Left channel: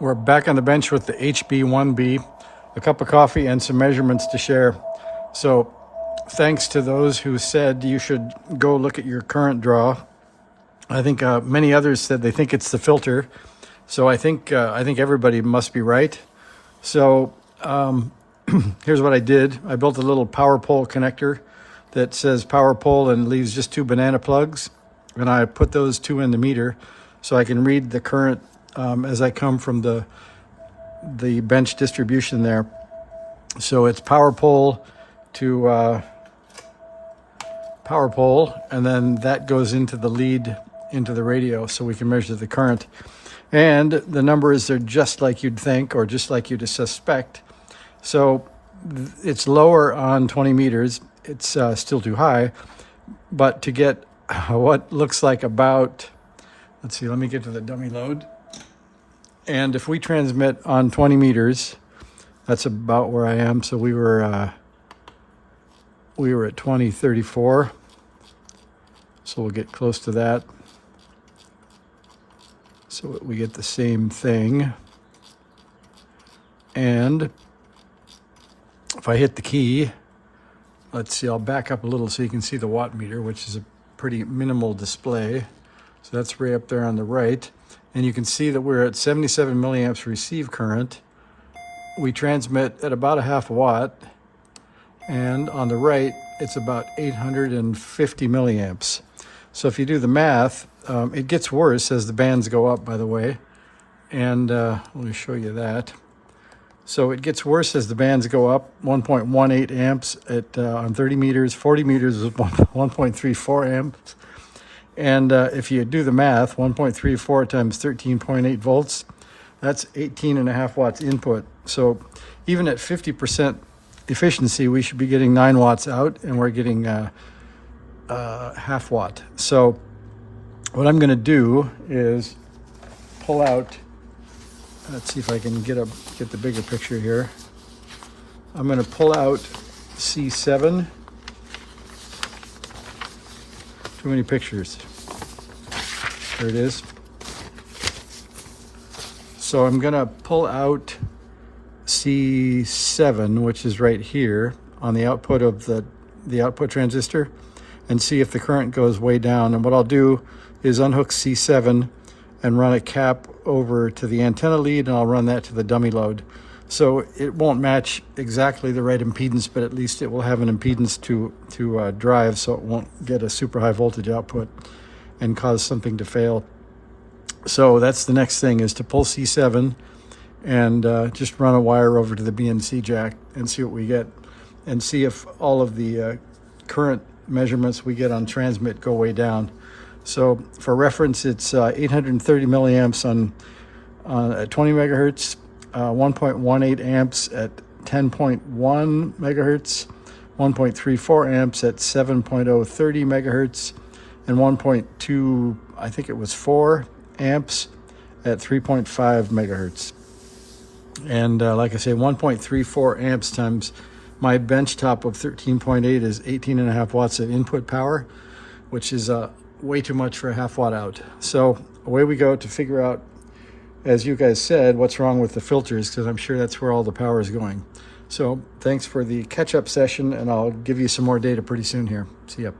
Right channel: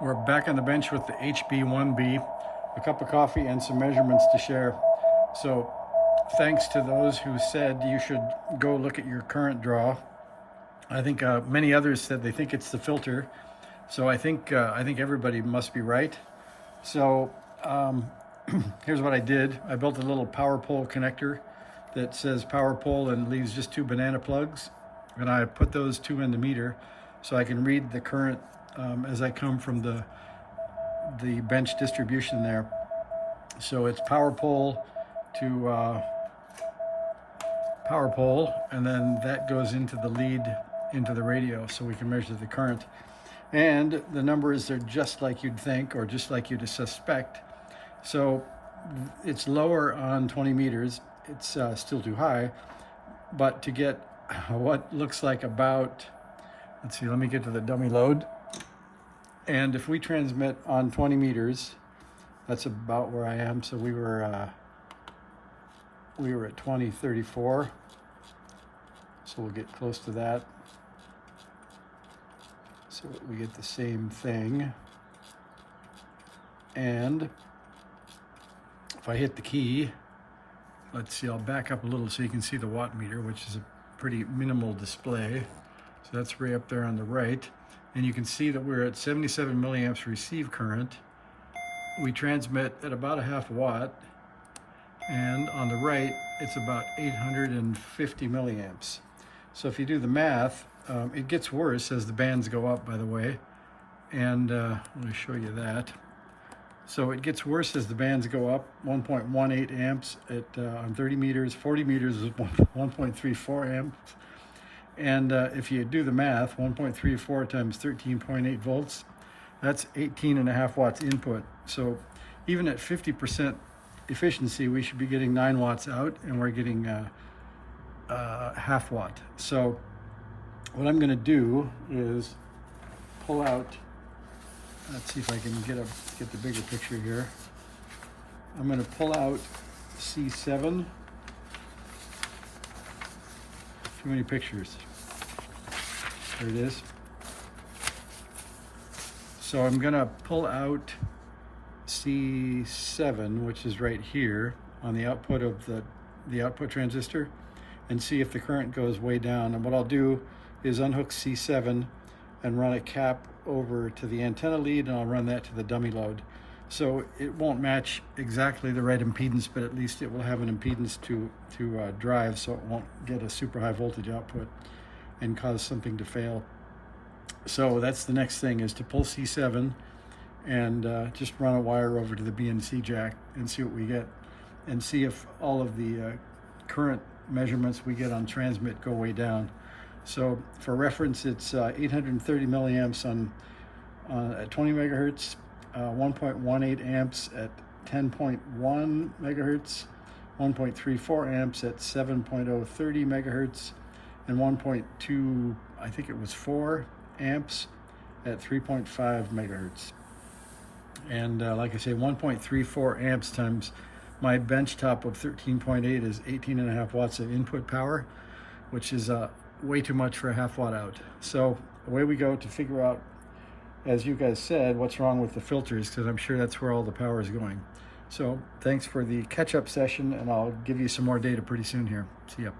We're back on the bench with the HB-1B, a cup of coffee and some measurements to share. So thanks to those who said you should go look at your current draw. I think many others said they think it's the filter. So I think everybody must be right. So here's what I did. I built a little power pole connector that says power pole and leaves just 2 banana plugs. And I put those 2 in the meter so I can read the current as I come from the bench distribution there. So it's power pole to power pole, and then that goes into the lead into the radio so we can measure the current. And the numbers are just like you'd think, or just like you'd suspect. So it's lower on 20 meters. It's still too high, but to get what looks like about, let's see, let me get to the dummy load. And if we transmit on 20 meters, that's about where I am. So we were at 2034. So we'll get close to that. So we get the same thing. And if I hit the key, let's see, I'll back up a little so you can see the watt meter, which is a pretty minimal display. So that's way up there on the right. And you can see that we're at 77 milliamps receive current. We transmit at about a half watt. And on the right, it's about 850 milliamps. So if you do the math, it gets worse as the bands go up, by the way. And let me show you that. So it gets worse as the bands go up, 1.18 amps on 30 meters, 40 meters is 1.34 amps. And if you do the math, 1.34 times 13.8 volts, that's 18.5 watts input. So even at 50% efficiency, we should be getting 9 watts out, and we're getting half watt. So what I'm going to do is pull out, let's see if I can get the bigger picture here. I'm going to pull out C7. Too many pictures. There it is. So I'm going to pull out C7, which is right here on the output of the output transistor, and see if the current goes way down. And what I'll do is unhook C7 and run a cap over to the antenna lead, and I'll run that to the dummy load. So it won't match exactly the right impedance, but at least it will have an impedance to drive, so it won't get a super high voltage output and cause something to fail. So that's the next thing, is to pull C7 and just run a wire over to the BNC jack and see what we get, and see if all of the current measurements we get on transmit go way down. So for reference, it's 830 milliamps at 20 megahertz, 1.18 amps at 10.1 megahertz, 1.34 amps at 7.030 megahertz, and 1.2, I think it was 4 amps at 3.5 megahertz. And like I say, 1.34 amps times my bench top of 13.8 is 18.5 watts of input power, which is way too much for a half watt out. So away we go to figure out, as you guys said, what's wrong with the filters, because I'm sure that's where all the power is going. So thanks for the catch-up session, and I'll give you some more data pretty soon here. See ya.